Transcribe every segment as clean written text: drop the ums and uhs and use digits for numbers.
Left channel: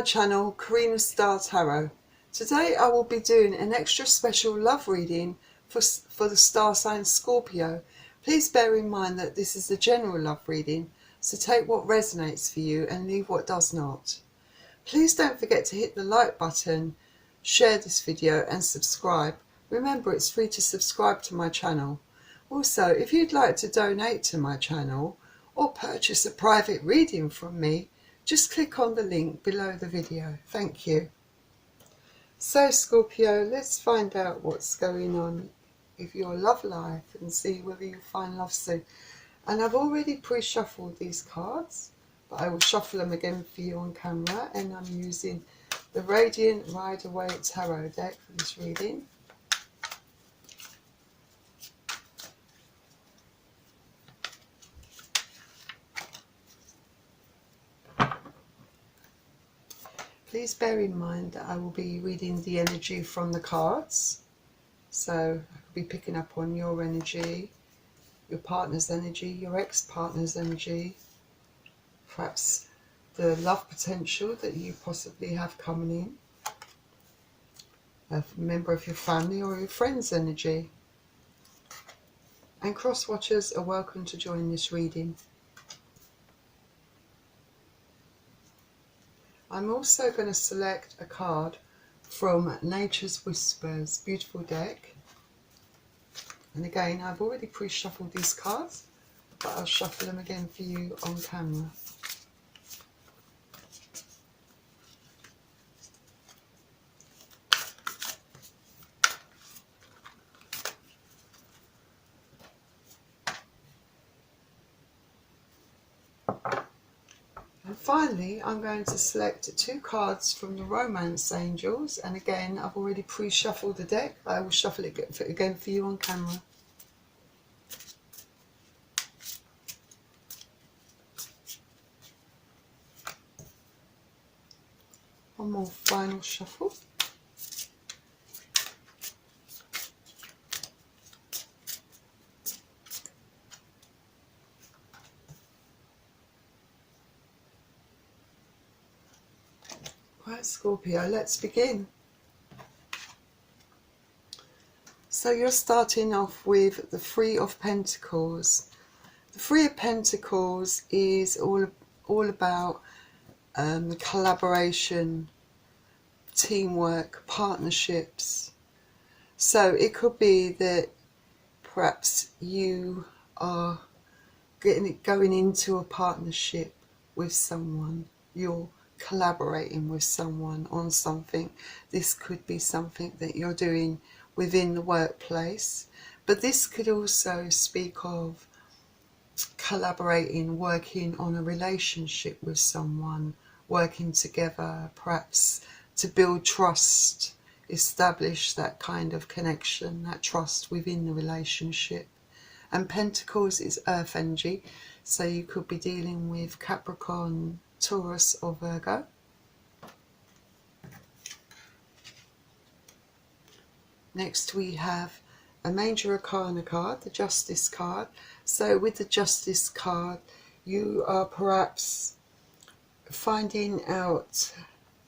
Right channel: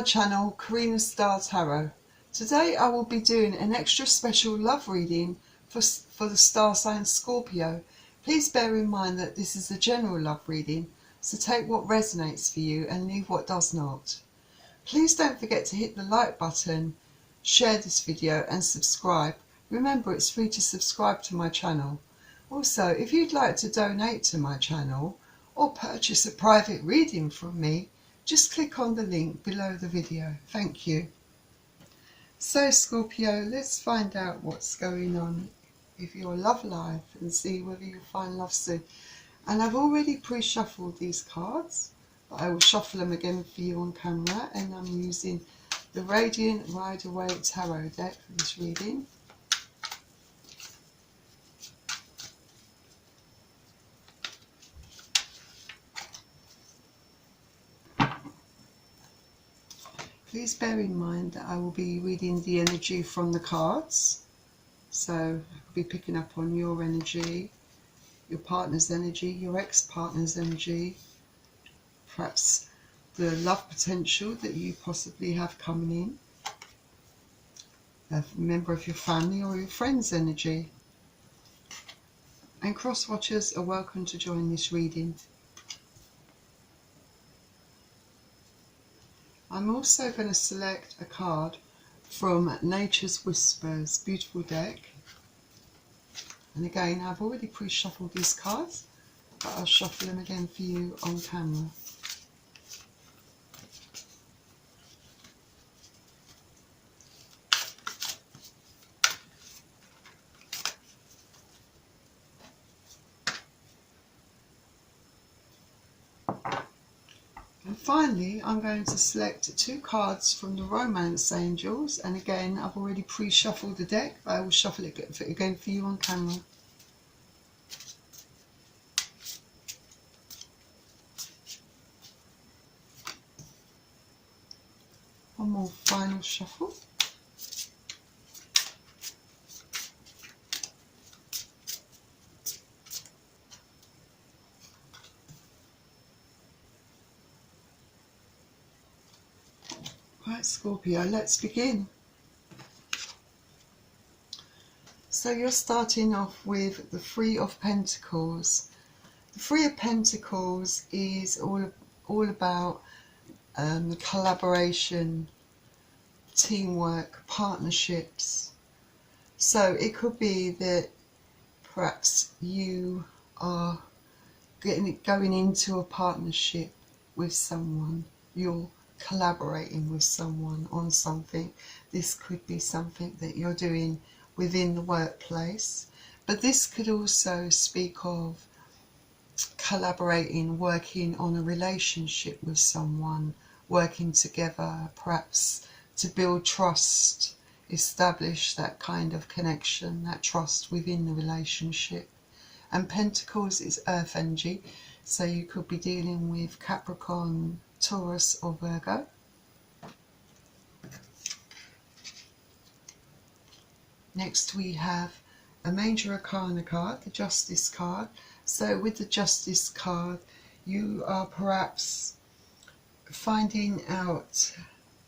my channel, Karina Star Tarot. Today I will be doing an extra special love reading for the star sign Scorpio. Please bear in mind that this is a general love reading, so take what resonates for you and leave what does not. Please don't forget to hit the like button, share this video and subscribe. Remember, it's free to subscribe to my channel. Also, if you'd like to donate to my channel or purchase a private reading from me, just click on the link below the video. Thank you. So Scorpio, let's find out what's going on with your love life and see whether you find love soon. And I've already pre-shuffled these cards, but I will shuffle them again for you on camera, and I'm using the Radiant Rider-Waite Tarot deck for this reading. Please bear in mind that I will be reading the energy from the cards. So I could be picking up on your energy, your partner's energy, your ex-partner's energy, perhaps the love potential that you possibly have coming in, a member of your family or your friend's energy. And cross-watchers are welcome to join this reading. I'm also going to select a card from Nature's Whispers, beautiful deck. And again, I've already pre-shuffled these cards, but I'll shuffle them again for you on camera. And finally, I'm going to select two cards from the Romance Angels. And again, I've already pre-shuffled the deck. I will shuffle it again for you on camera. One more final shuffle. Right, Scorpio, let's begin. So you're starting off with the Three of Pentacles. The Three of Pentacles is all about collaboration, teamwork, partnerships. So it could be that perhaps you are going into a partnership with someone. You're collaborating with someone on something. This could be something that you're doing within the workplace, but this could also speak of collaborating, working on a relationship with someone, working together, perhaps to build trust, establish that kind of connection, that trust within the relationship. And Pentacles is earth energy, so you could be dealing with Capricorn, Taurus or Virgo. Next we have a Major Arcana card, the Justice card. So with the Justice card, you are perhaps finding out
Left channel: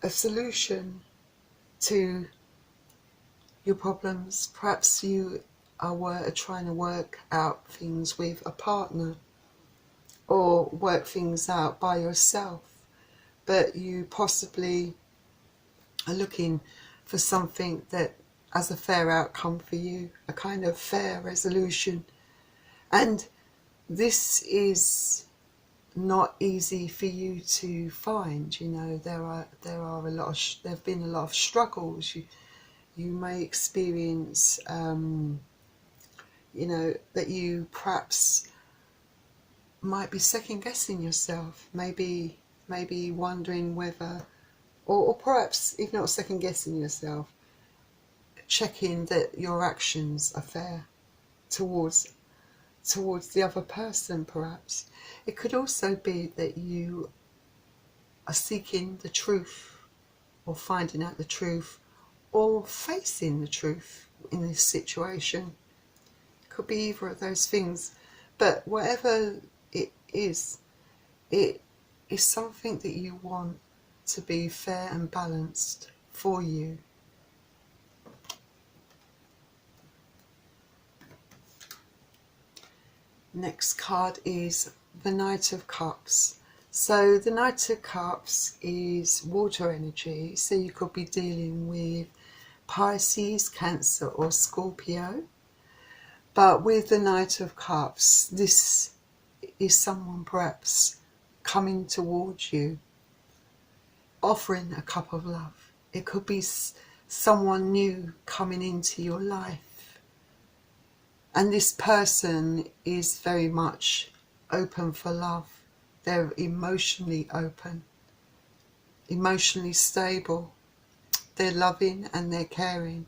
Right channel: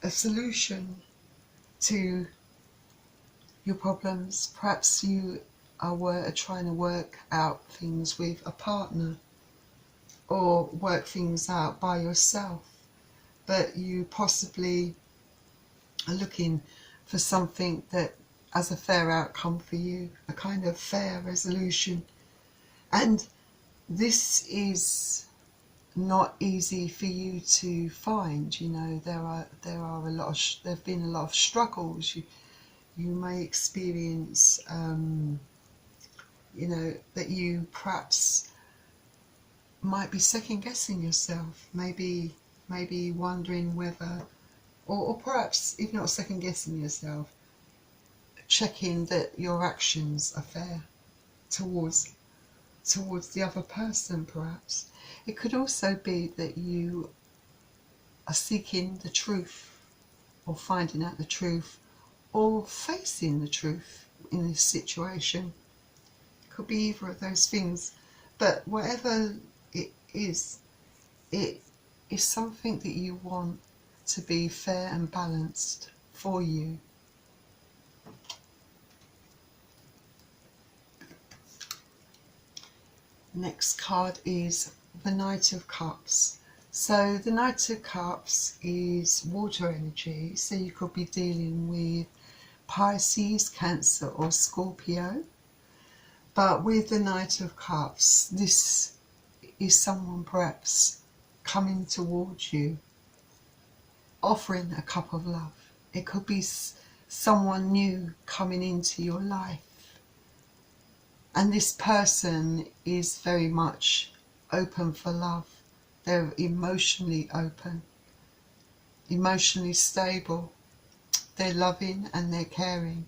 a solution to your problems. Perhaps you are trying to work out things with a partner, or work things out by yourself, but you possibly are looking for something that has a fair outcome for you, a kind of fair resolution. And this is not easy for you to find. You know, there have been a lot of struggles. You may experience you know, that you perhaps might be second guessing yourself, maybe wondering whether, or perhaps if not second guessing yourself, checking that your actions are fair towards the other person. Perhaps it could also be that you are seeking the truth, or finding out the truth, or facing the truth in this situation. It could be either of those things, but whatever it is something that you want, to be fair and balanced for you. Next card is the Knight of Cups. So the Knight of Cups is water energy, so you could be dealing with Pisces, Cancer or Scorpio. But with the Knight of Cups, this is someone perhaps coming towards you, offering a cup of love. It could be someone new coming into your life. And this person is very much open for love. They're emotionally open, emotionally stable. They're loving and they're caring.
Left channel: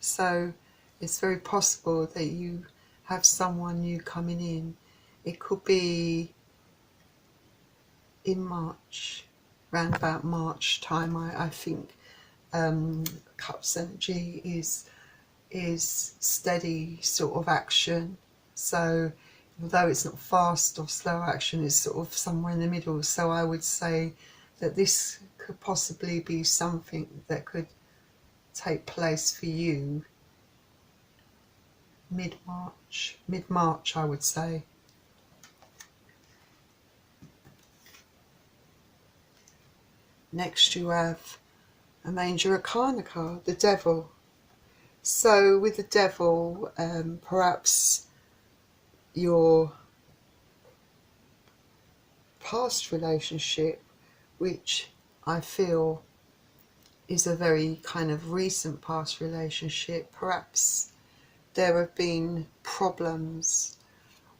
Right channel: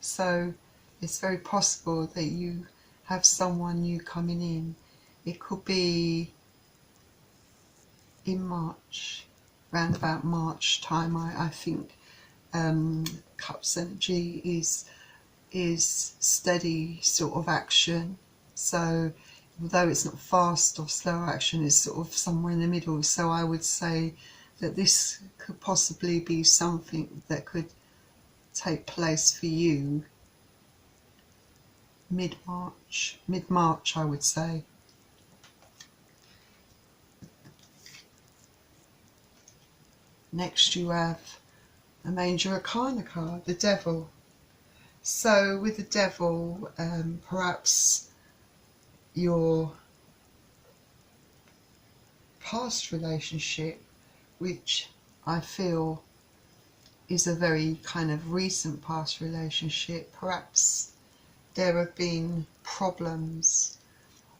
So it's very possible that you have someone new coming in. It could be in March, around about March time. I think Cups energy is steady sort of action. So although it's not fast or slow action, it's sort of somewhere in the middle. So I would say that this could possibly be something that could take place for you mid-March I would say. Next you have a Major Arcana card, the Devil. So with the Devil, perhaps your past relationship, which I feel is a very kind of recent past relationship, perhaps there have been problems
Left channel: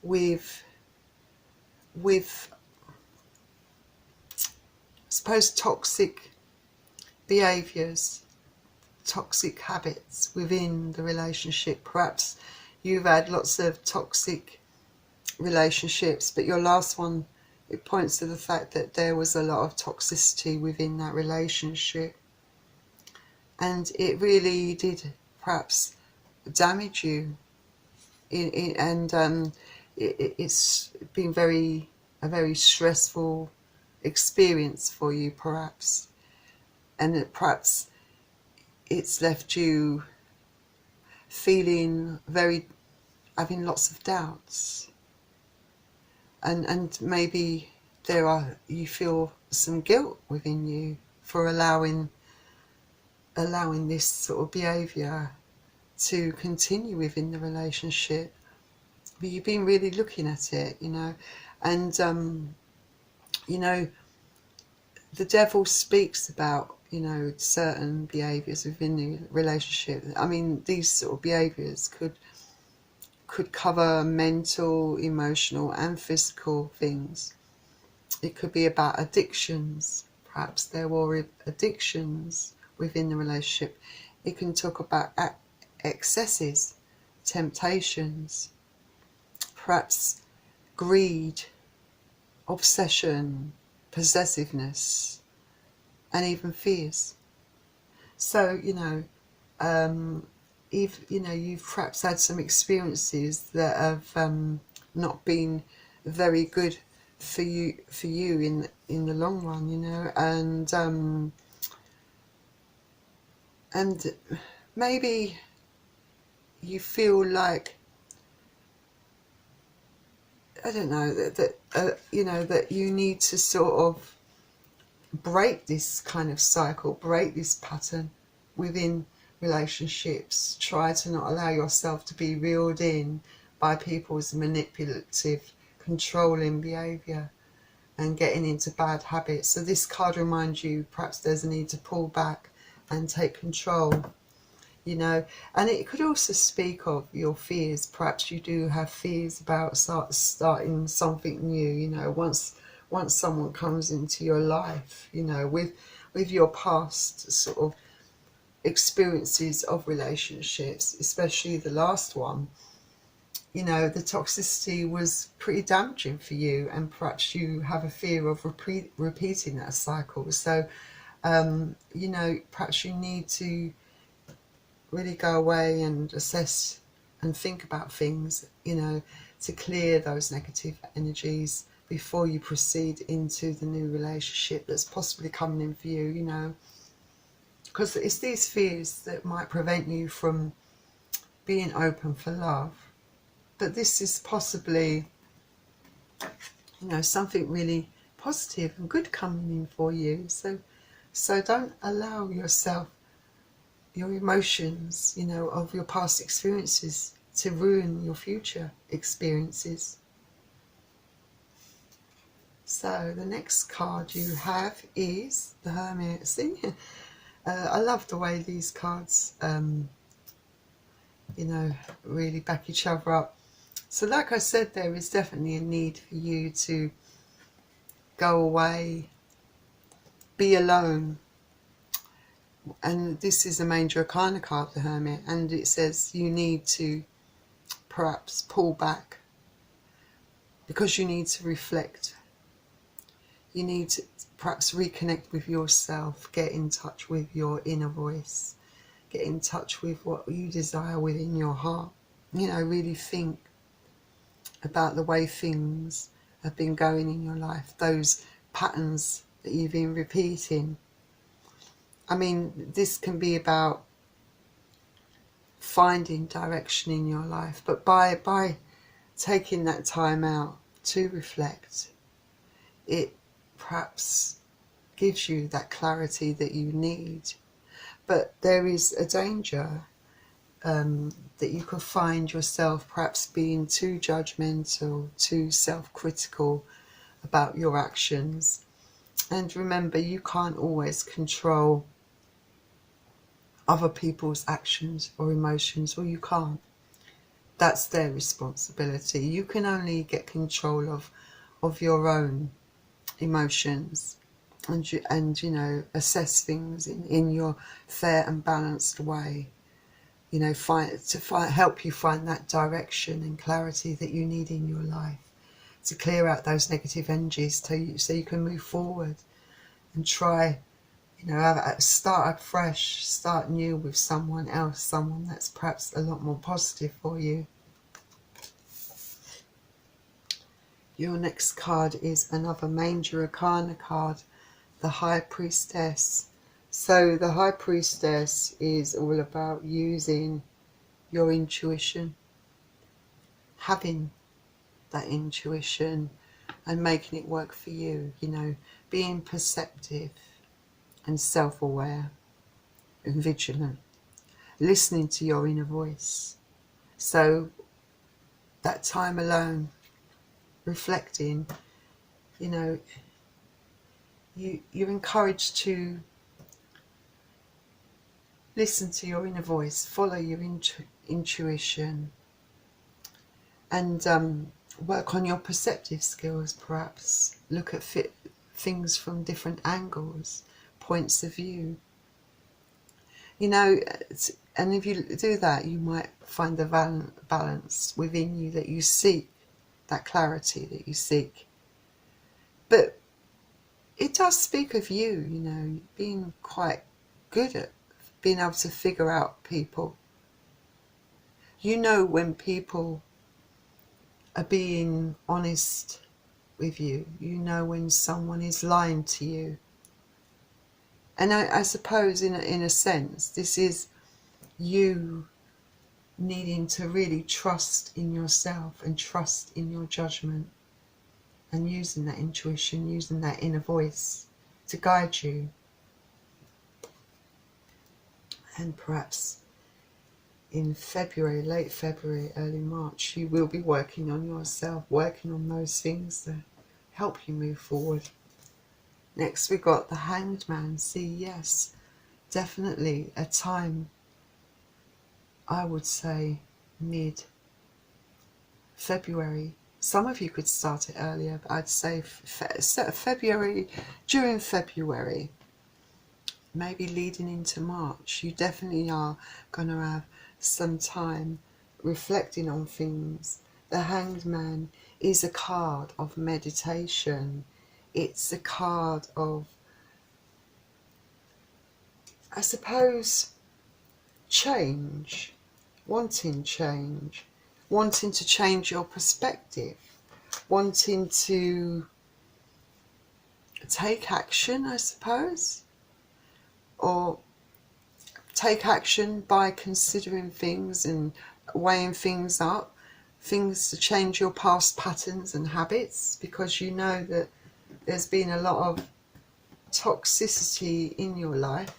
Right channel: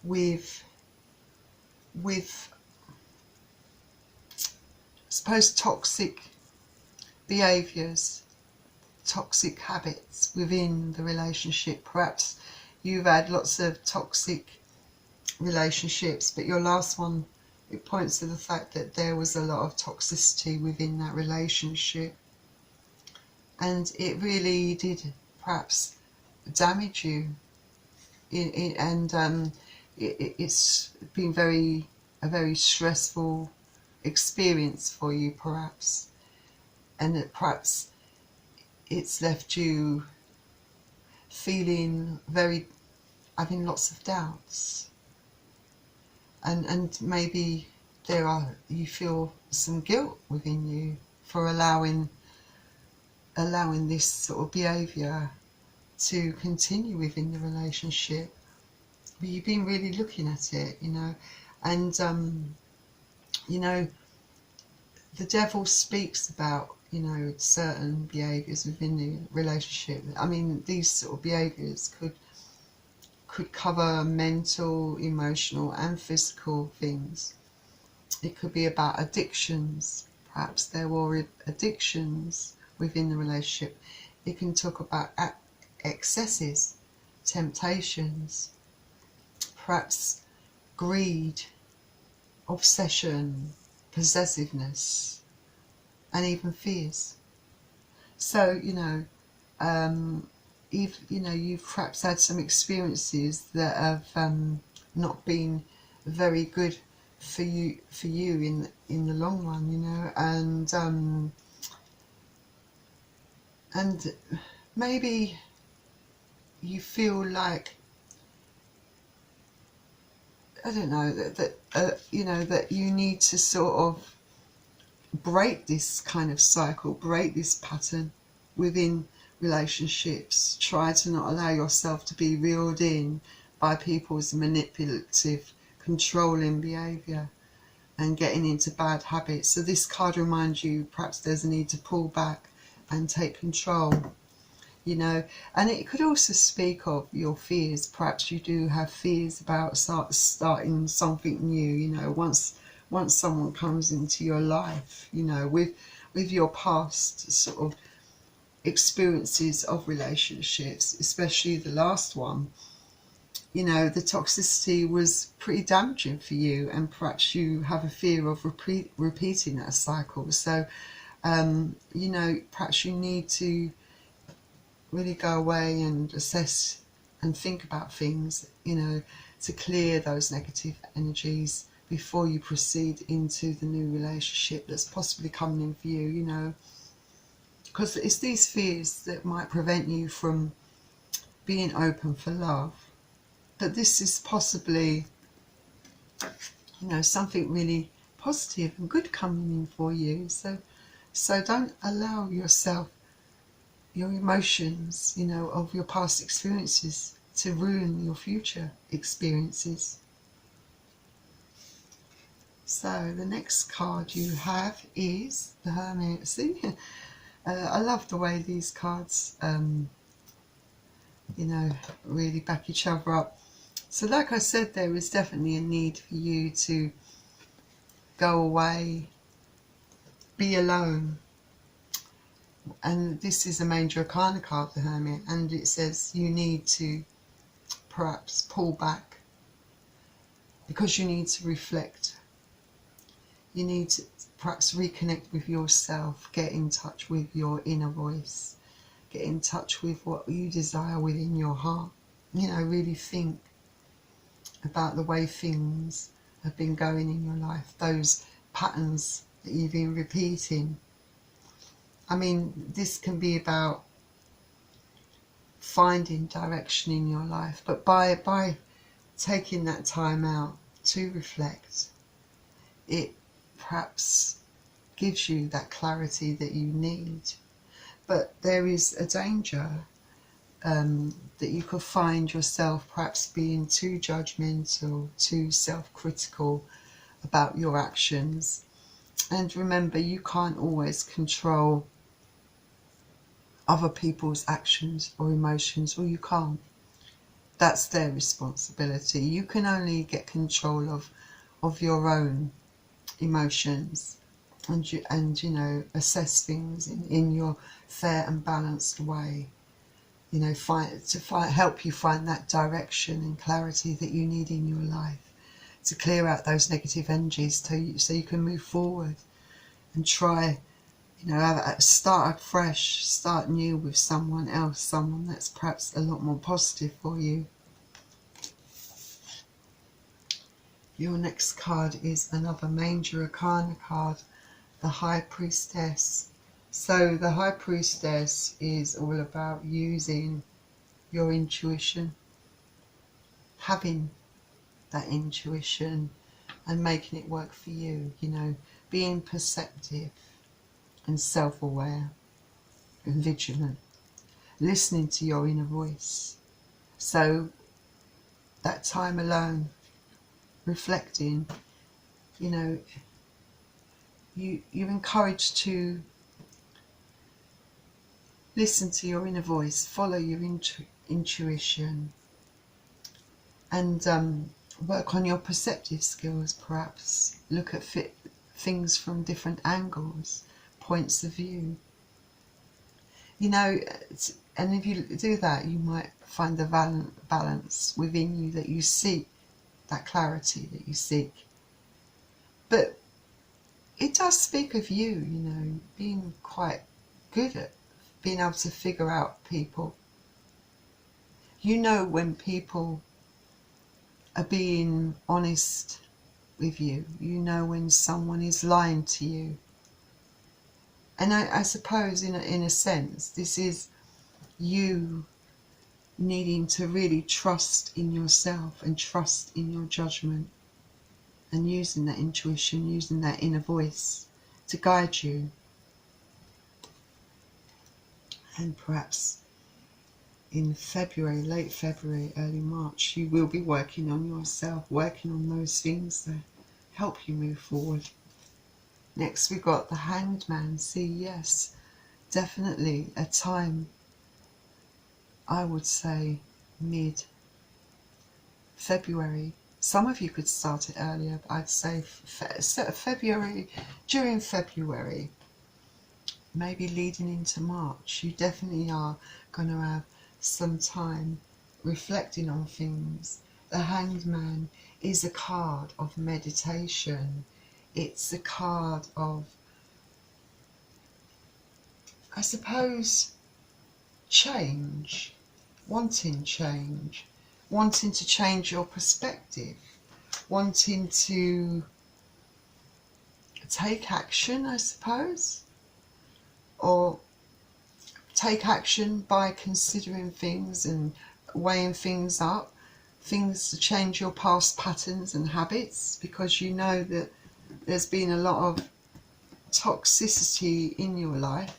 with I suppose toxic behaviours, toxic habits within the relationship. Perhaps you've had lots of toxic relationships, but your last one, it points to the fact that there was a lot of toxicity within that relationship, and it really did perhaps damage you. It's been a very stressful experience for you perhaps, and that perhaps it's left you feeling having lots of doubts, and maybe you feel some guilt within you for allowing this sort of behaviour to continue within the relationship. But you've been really looking at it, and the Devil speaks about certain behaviours within the relationship. I mean, these sort of behaviours could cover mental, emotional and physical things. It could be about addictions. Perhaps there were addictions within the relationship. It can talk about excesses, temptations, perhaps greed, obsession, possessiveness, and even fears. So you've perhaps had some experiences that have not been very good for you in the long run, and maybe you feel like, I don't know, that you need to sort of break this kind of cycle, break this pattern within relationships. Try to not allow yourself to be reeled in by people's manipulative, controlling behaviour and getting into bad habits. So this card reminds you perhaps there's a need to pull back and take control, and it could also speak of your fears. Perhaps you do have fears about starting something new, once someone comes into your life, with your past sort of experiences of relationships, especially the last one. The toxicity was pretty damaging for you, and perhaps you have a fear of repeating that cycle. So perhaps you need to really go away and assess and think about things, to clear those negative energies before you proceed into the new relationship that's possibly coming in for you, you know, because it's these fears that might prevent you from being open for love. But this is possibly, you know, something really positive and good coming in for you. So don't allow yourself, your emotions, you know, of your past experiences to ruin your future experiences. So the next card you have is the Hermit. See, I love the way these cards, you know, really back each other up. So like I said, there is definitely a need for you to go away, be alone. And this is a major arcana card, the Hermit, and it says you need to perhaps pull back because you need to reflect. You need to perhaps reconnect with yourself, get in touch with your inner voice, get in touch with what you desire within your heart. You know, really think about the way things have been going in your life, those patterns that you've been repeating. I mean, this can be about finding direction in your life, but by taking that time out to reflect, it perhaps gives you that clarity that you need. But there is a danger that you could find yourself perhaps being too judgmental, too self-critical about your actions. And remember, you can't always control other people's actions or emotions, or you can't. That's their responsibility. You can only get control of your own emotions and you know, assess things in your fair and balanced way. You know, help you find that direction and clarity that you need in your life, to clear out those negative energies so you can move forward and try, you know, start afresh, start new with someone else, someone that's perhaps a lot more positive for you. Your next card is another major arcana card, the High Priestess. So the High Priestess is all about using your intuition, having that intuition and making it work for you, you know, being perceptive and self-aware and vigilant, listening to your inner voice. So that time alone, reflecting, you know, you're encouraged to listen to your inner voice, follow your intuition, and work on your perceptive skills, perhaps look at things from different angles, points of view. You know, and if you do that, you might find the balance within you that you seek, that clarity that you seek. But it does speak of you, you know, being quite good at being able to figure out people. You know when people are being honest with you. You know when someone is lying to you. And I suppose in a sense, this is you needing to really trust in yourself and trust in your judgment, and using that intuition, using that inner voice to guide you. And perhaps in February, late February, early March, you will be working on yourself, working on those things that help you move forward. Next we got the Hanged Man. See, yes, definitely a time, I would say mid-February. Some of you could start it earlier, but I'd say February, during February, maybe leading into March. You definitely are going to have some time reflecting on things. The Hanged Man is a card of meditation. It's a card of, I suppose, change, wanting to change your perspective wanting to take action, I suppose, or take action by considering things and weighing things up, things to change your past patterns and habits, because you know that there's been a lot of toxicity in your life,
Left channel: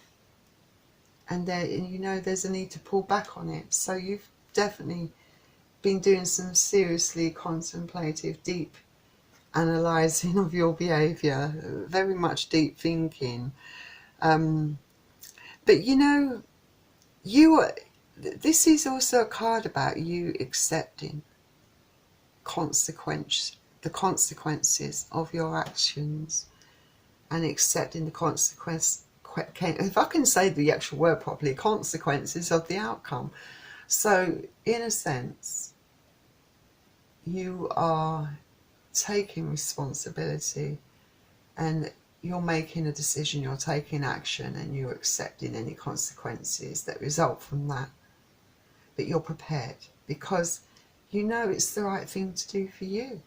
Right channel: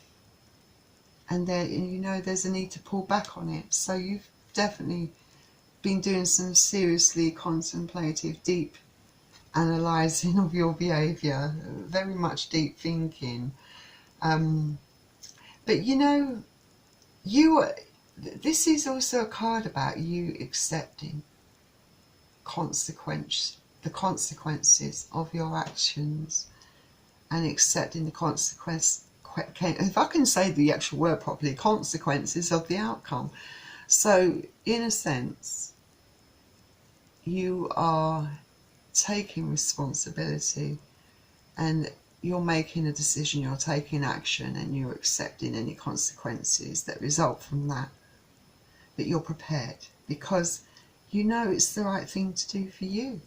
and you know there's a need to pull back on it. So you've definitely been doing some seriously contemplative, deep analysing of your behaviour, very much deep thinking. But you know, this is also a card about you accepting the consequences of your actions, and accepting the if I can say the actual word properly, consequences of the outcome. So in a sense, you are taking responsibility, and you're making a decision, you're taking action, and you're accepting any consequences that result from that. But you're prepared because you know it's the right thing to do for you.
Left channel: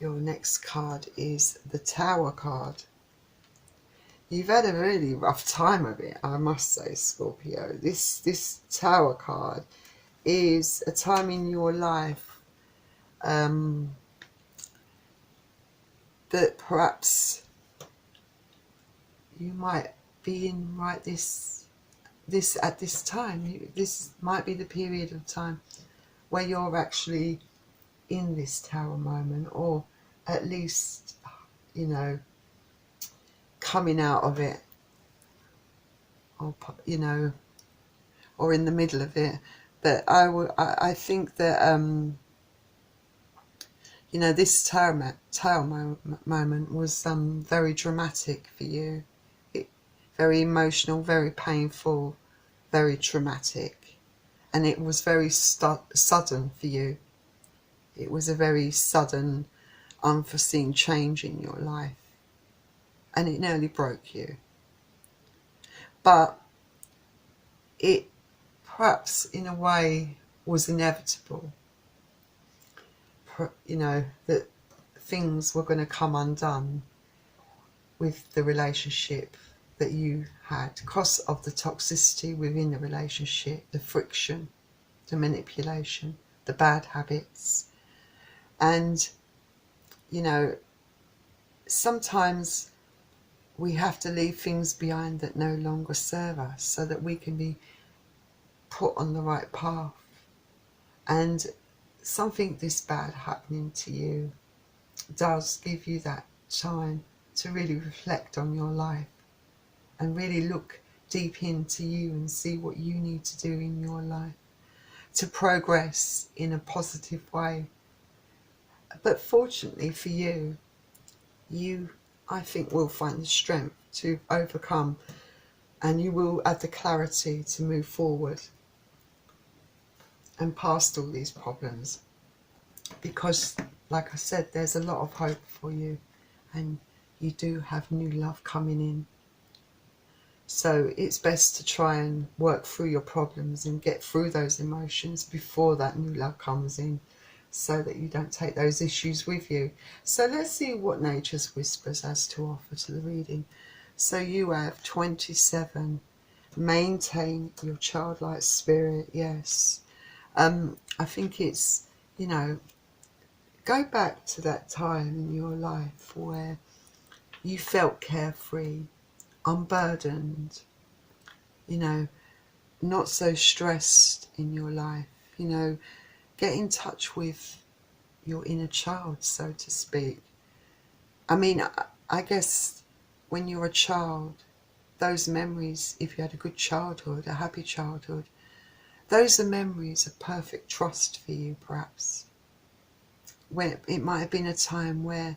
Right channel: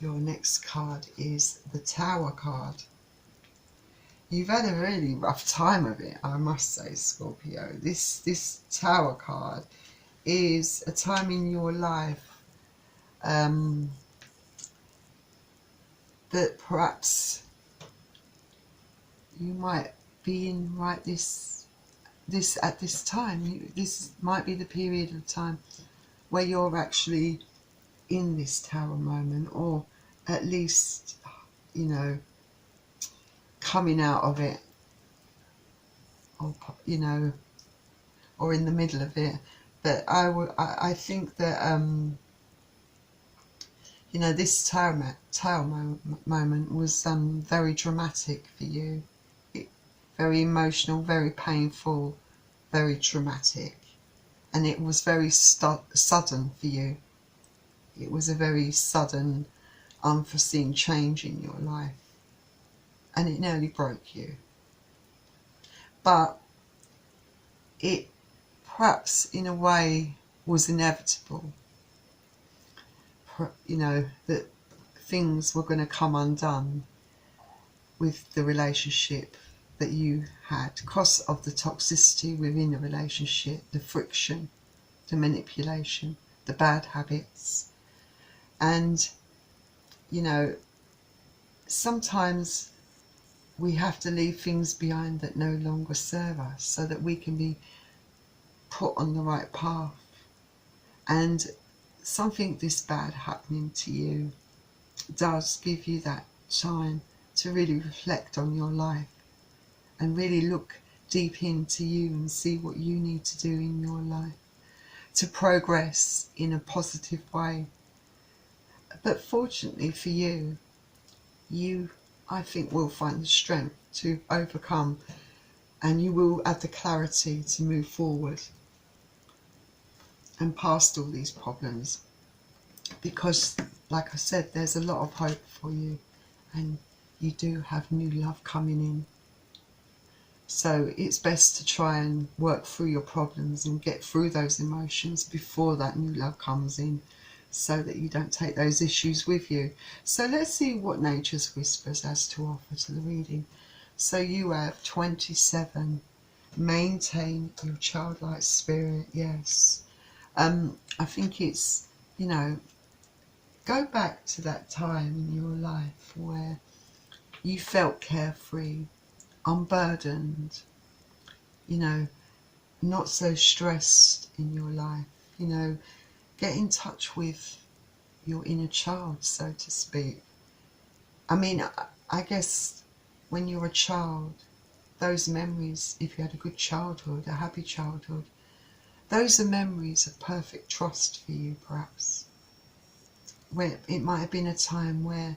Your next card is the Tower card. You've had a really rough time of it, I must say, Scorpio. This Tower card is a time in your life that perhaps you might be in at this time. This might be the period of time where you're actually in this Tower moment, or at least, you know, coming out of it, or you know, or in the middle of it. But I think that you know, this Tower moment was very dramatic for you, very emotional, very painful, very traumatic, and it was very sudden for you. It was a very sudden, unforeseen change in your life, and it nearly broke you. But it perhaps in a way was inevitable, you know, that things were going to come undone with the relationship that you had because of the toxicity within the relationship, the friction, the manipulation, the bad habits. And, you know, sometimes we have to leave things behind that no longer serve us so that we can be put on the right path. And something this bad happening to you does give you that time to really reflect on your life and really look deep into you and see what you need to do in your life to progress in a positive way. But fortunately for you, I think, will find the strength to overcome, and you will have the clarity to move forward and past all these problems, because like I said, there's a lot of hope for you, and you do have new love coming in. So it's best to try and work through your problems and get through those emotions before that new love comes in, so that you don't take those issues with you. So let's see what Nature's Whispers has to offer to the reading. So you have 27. Maintain your childlike spirit. Yes. I think it's, you know, go back to that time in your life where you felt carefree, unburdened, you know, not so stressed in your life. You know, get in touch with your inner child, so to speak. I mean, I guess when you're a child, those memories, if you had a good childhood, a happy childhood, those are memories of perfect trust for you, perhaps. Where it might have been a time where,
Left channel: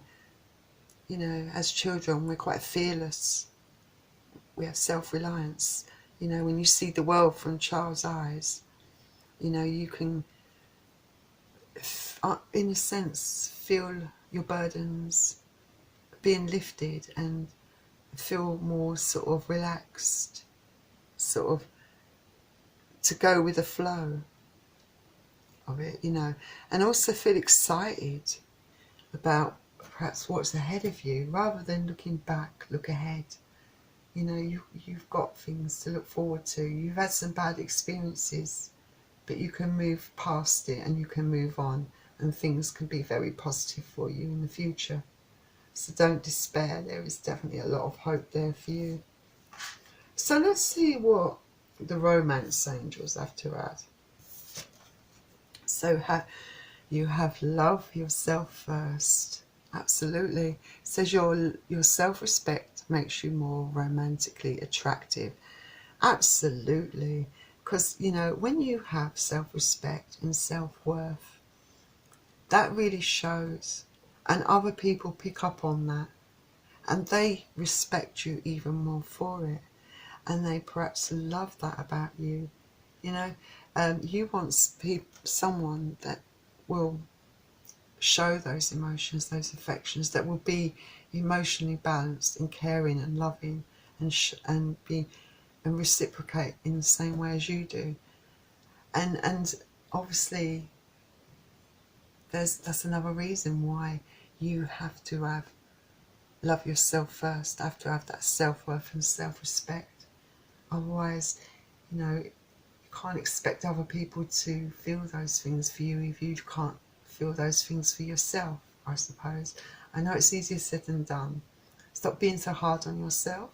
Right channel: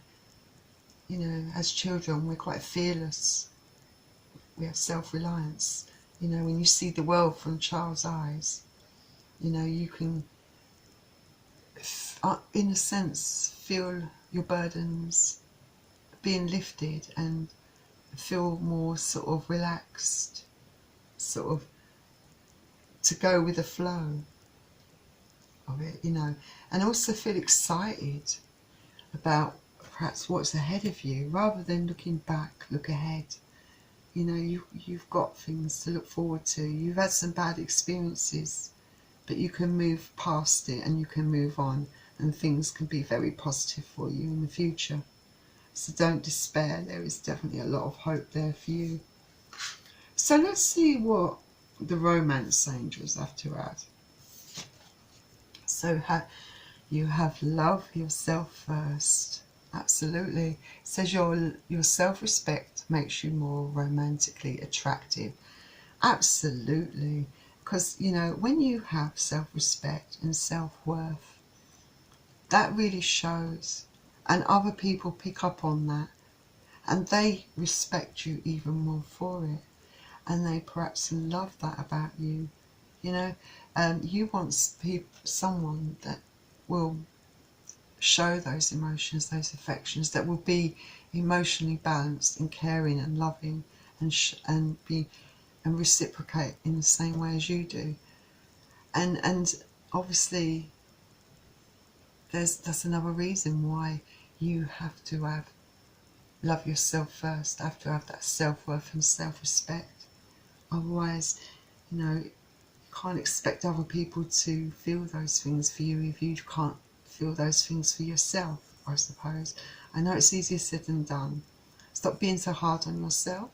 you know, as children, we're quite fearless. We have self-reliance. You know, when you see the world from child's eyes, you know, you can, in a sense, feel your burdens being lifted and feel more sort of relaxed, sort of to go with the flow. of it, you know, and also feel excited about perhaps what's ahead of you. Rather than looking back, look ahead. You know, you've got things to look forward to. You've had some bad experiences, but you can move past it and you can move on, and things can be very positive for you in the future. So don't despair. There is definitely a lot of hope there for you. So let's see what the romance angels have to add. So you have love yourself first. Absolutely. It says your self-respect makes you more romantically attractive. Absolutely. Because, you know, when you have self-respect and self-worth, that really shows. And other people pick up on that. And they respect you even more for it. And they perhaps love that about you. You know, you want someone that will show those emotions, those affections, that will be emotionally balanced and caring and loving, and reciprocate in the same way as you do. And obviously that's another reason why you have to love yourself first, have to have that self-worth and self-respect. Otherwise, you know, you can't expect other people to feel those things for you if you can't feel those things for yourself, I suppose. I know it's easier said than done. Stop being so hard on yourself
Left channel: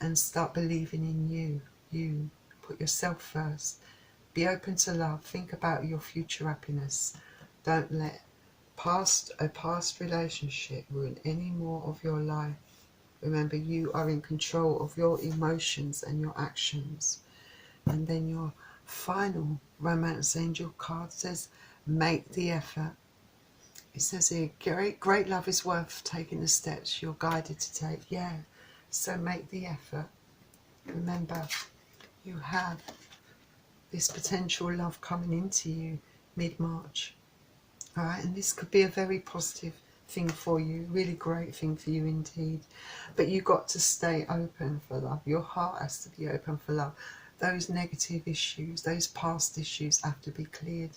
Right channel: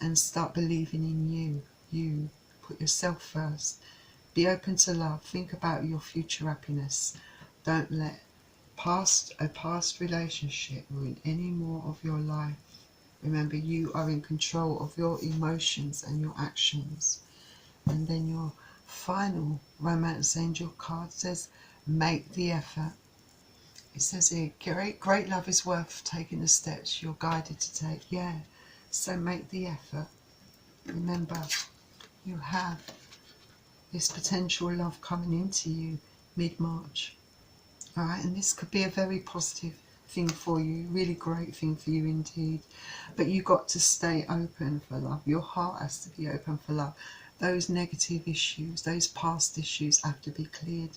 and start believing in you. You put yourself first. Be open to love. Think about your future happiness. Don't let a past relationship ruin any more of your life. Remember, you are in control of your emotions and your actions. And then your final romance angel card says, make the effort. It says here, great love is worth taking the steps you're guided to take. Yeah, so make the effort. Remember, you have this potential love coming into you mid-March. All right, and this could be a very positive thing for you, really great thing for you indeed. But you've got to stay open for love. Your heart has to be open for love. Those negative issues, those past issues have to be cleared.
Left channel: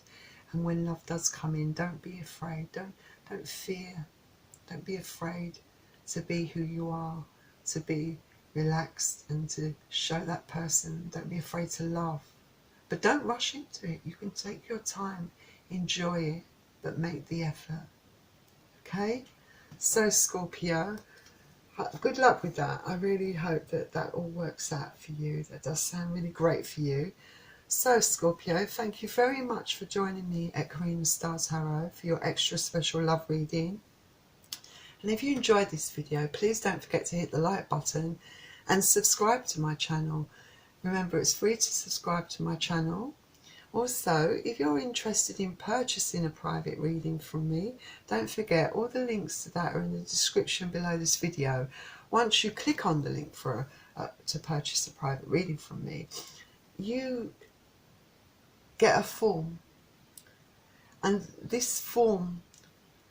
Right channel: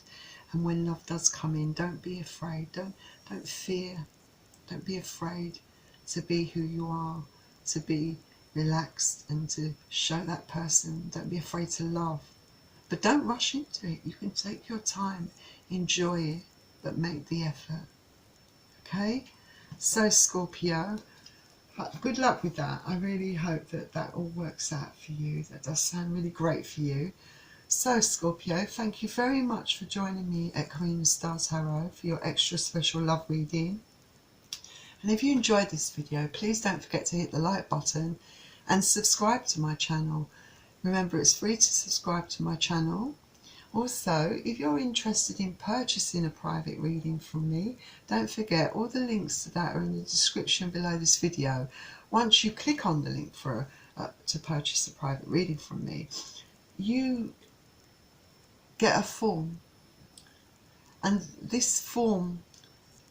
And when love does come in, don't be afraid. Don't fear. Don't be afraid to be who you are, to be relaxed and to show that person. Don't be afraid to love. But don't rush into it. You can take your time, enjoy it, but make the effort. Okay? So Scorpio, good luck with that. I really hope that that all works out for you. That does sound really great for you. So Scorpio, thank you very much for joining me at Karina Star Tarot for your extra special love reading. And if you enjoyed this video, please don't forget to hit the like button and subscribe to my channel. Remember, it's free to subscribe to my channel. Also, if you're interested in purchasing a private reading from me, don't forget all the links to that are in the description below this video. Once you click on the link to purchase a private reading from me, you get a form, and this form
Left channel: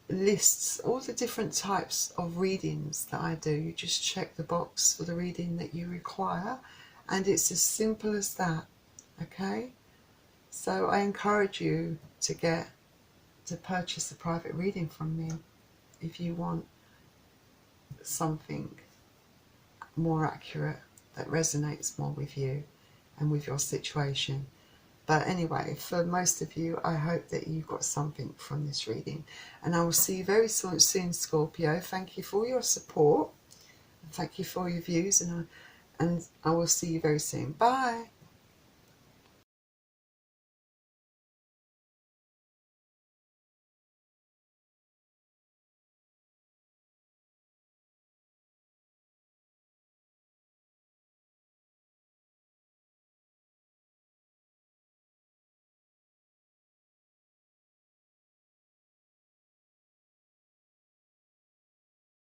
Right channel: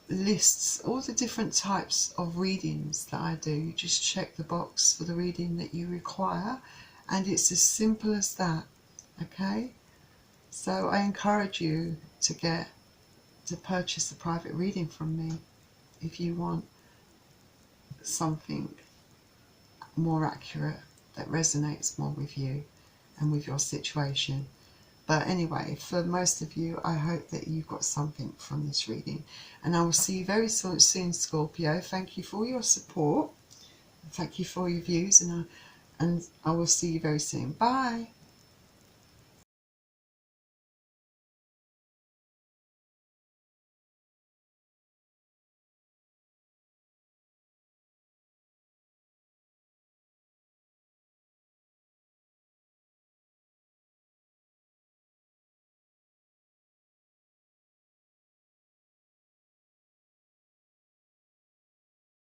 lists all the different types of readings that I do. You just check the box for the reading that you require, and it's as simple as that. Okay, so I encourage you to purchase a private reading from me if you want something more accurate that resonates more with you and with your situation. But anyway, for most of you, I hope that you've got something from this reading. And I will see you very soon, Scorpio. Thank you for your support. Thank you for your views. And I will see you very soon. Bye.